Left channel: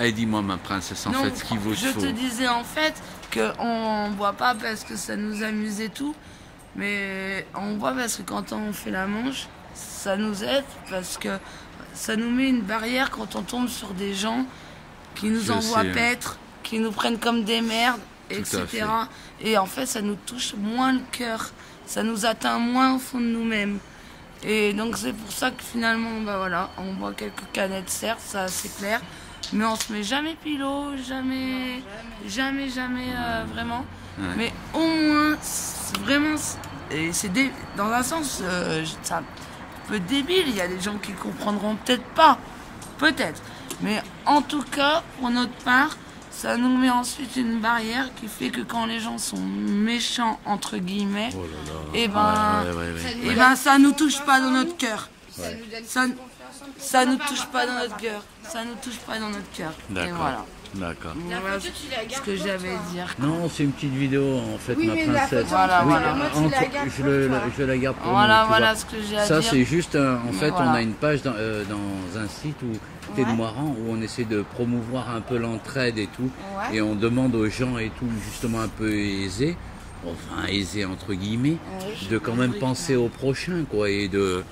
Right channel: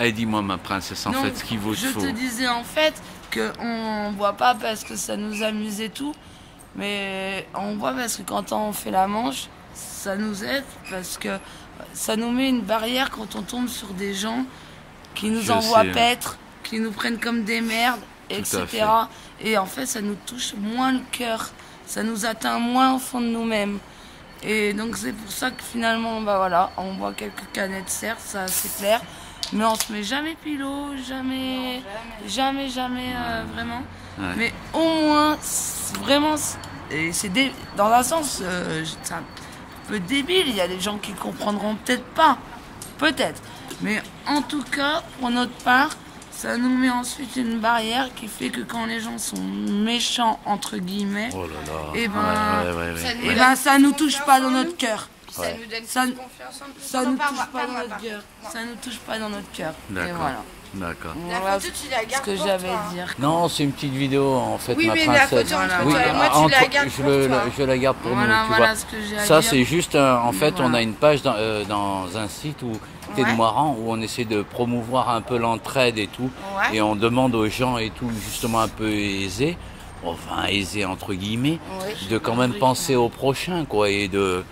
Allez, dis-moi, ma princesse, en fait, ce qu'il vous faut. Je te disais en fait qu'on boit pas parce que ça nous amuse et tout, mais on boit parce que quand on fait la manche, ça nous aide parce que ça nous met une barrière quand on tombe sur des gens qui nous envoient paître, qui nous prennent comme des merdes, etc. Et en fait, ça nous touche moins le cœur, ça nous atteint moins au fond de nous-mêmes. Et donc c'est pour ça que finalement, bah voilà, on boit quelques canettes, certes, ça c'est clair, mais on se met jamais pilot, jamais, vraiment. Ouais. Mais au moins, vraiment, et c'est dans un sens, c'est un peu débile, il y a des gens qui comprendront peut-être pas, peut-être. Mais en tout cas, pour notre part, ça nous met ensuite une barrière qui fait que quand les gens sont méchants, entre guillemets, oh là là. Et ben, ça nous touche pas dans notre cœur. Ouais. Ça nous touche pas dans notre cœur. Ça nous touche pas dans notre cœur. Et voilà. D'accord. Voilà ce que j'avais à dire. Non, c'est une petite vidéo en fait, oui, ma mais princesse. Voilà, oui, voilà. Moi, tu la gardes pour toi. Je la garde pour voilà, nous. Voilà ce que j'ai à dire. Ça, c'est juste, en fait, voilà. on a une page dans un site où Tête Moirant où on essaie de promouvoir un peu l'entraide et tout. Ouais. Et on demande aux gens et tout, justement un peu aisés, enfin aisés entre guillemets, de quand même penser au prochain, quoi, et de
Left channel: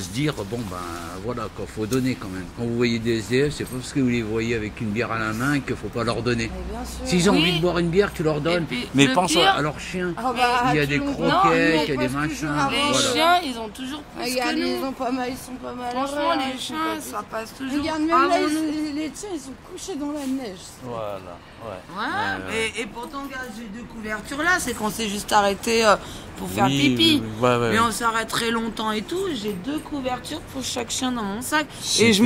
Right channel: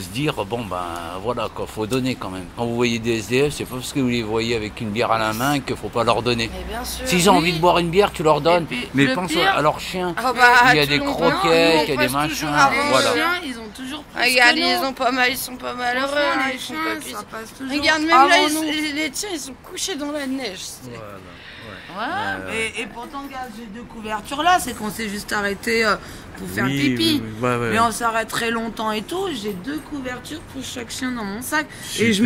se dire, bon ben voilà, quoi, faut donner quand même. Quand vous voyez des SDF, c'est pas parce que vous les voyez avec une bière à la main qu'il faut pas leur donner. S'ils ont envie de boire une bière, tu leur donnes. Puis, mais pense à leurs chiens. Oh bah, il y a des croquettes, il y a des machins. Les chiens, ils ont toujours plus regarde, que nous. ils sont pas mal. Franchement, les chiens, ça passe toujours. Regarde, même là, les tiens, ils sont couchés dans la neige. Voilà. Ouais. Et pourtant, regarde, j'ai 2 couvertures là, c'est qu'on s'est juste arrêté pour faire pipi. Mais on s'arrête très longtemps et tout. J'ai 2 couvertures pour chaque chien dans mon sac. Super. Et je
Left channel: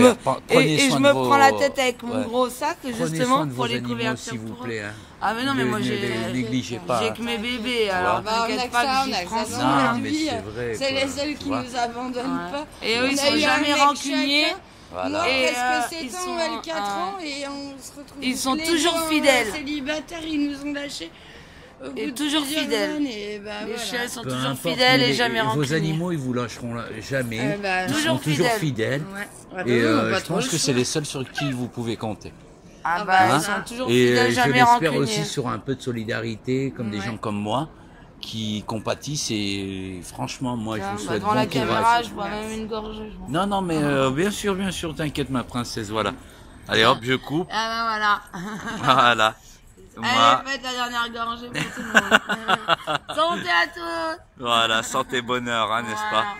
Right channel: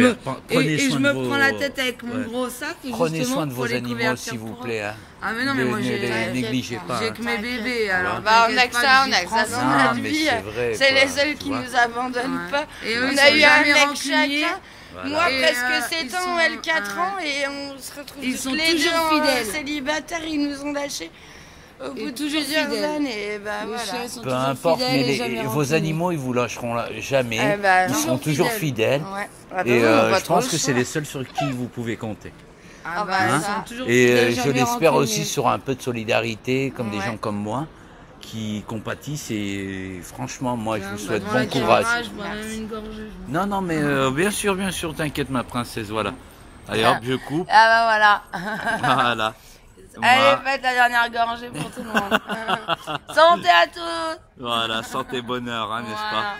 me prends la tête avec mon gros sac. Et prenez justement, soin de vos pour les animaux, couvertures s'il vous plaît. Hein. Ah mais non, mais moi j'ai négligez pas. J'ai que mes bébés. Alors on a que ça, non, mais c'est vrai. C'est les seuls qui nous abandonnent pas. Et eux, ils sont jamais rancuniers. Voilà. Moi, presque 7 ans, elle 4 ans, et on se retrouve ils sont toujours fidèles. Célibataires, ils nous ont lâchés. Au bout de toujours fidèles. Et bah, les chiens sont peu toujours importe, fidèles mais et jamais vos animaux, ils vous lâcheront jamais. Ils sont toujours fidèles. Ouais. Et je pense que c'est les seuls sur qui vous pouvez compter. Ah bah, ils sont toujours et fidèles, je l'espère aussi sur un peu de solidarité, comme des gens comme moi, qui compatissent. Et franchement, moi, je vous souhaite bon courage. Je bois même une gorgée. Non, mais bien sûr, t'inquiète, ma princesse, voilà. Allez, hop, je coupe. Ah bah voilà. Voilà. Allez, faites la dernière gorgée pour tout le monde. Santé à tous. Voilà, santé, bonheur, hein, n'est-ce pas?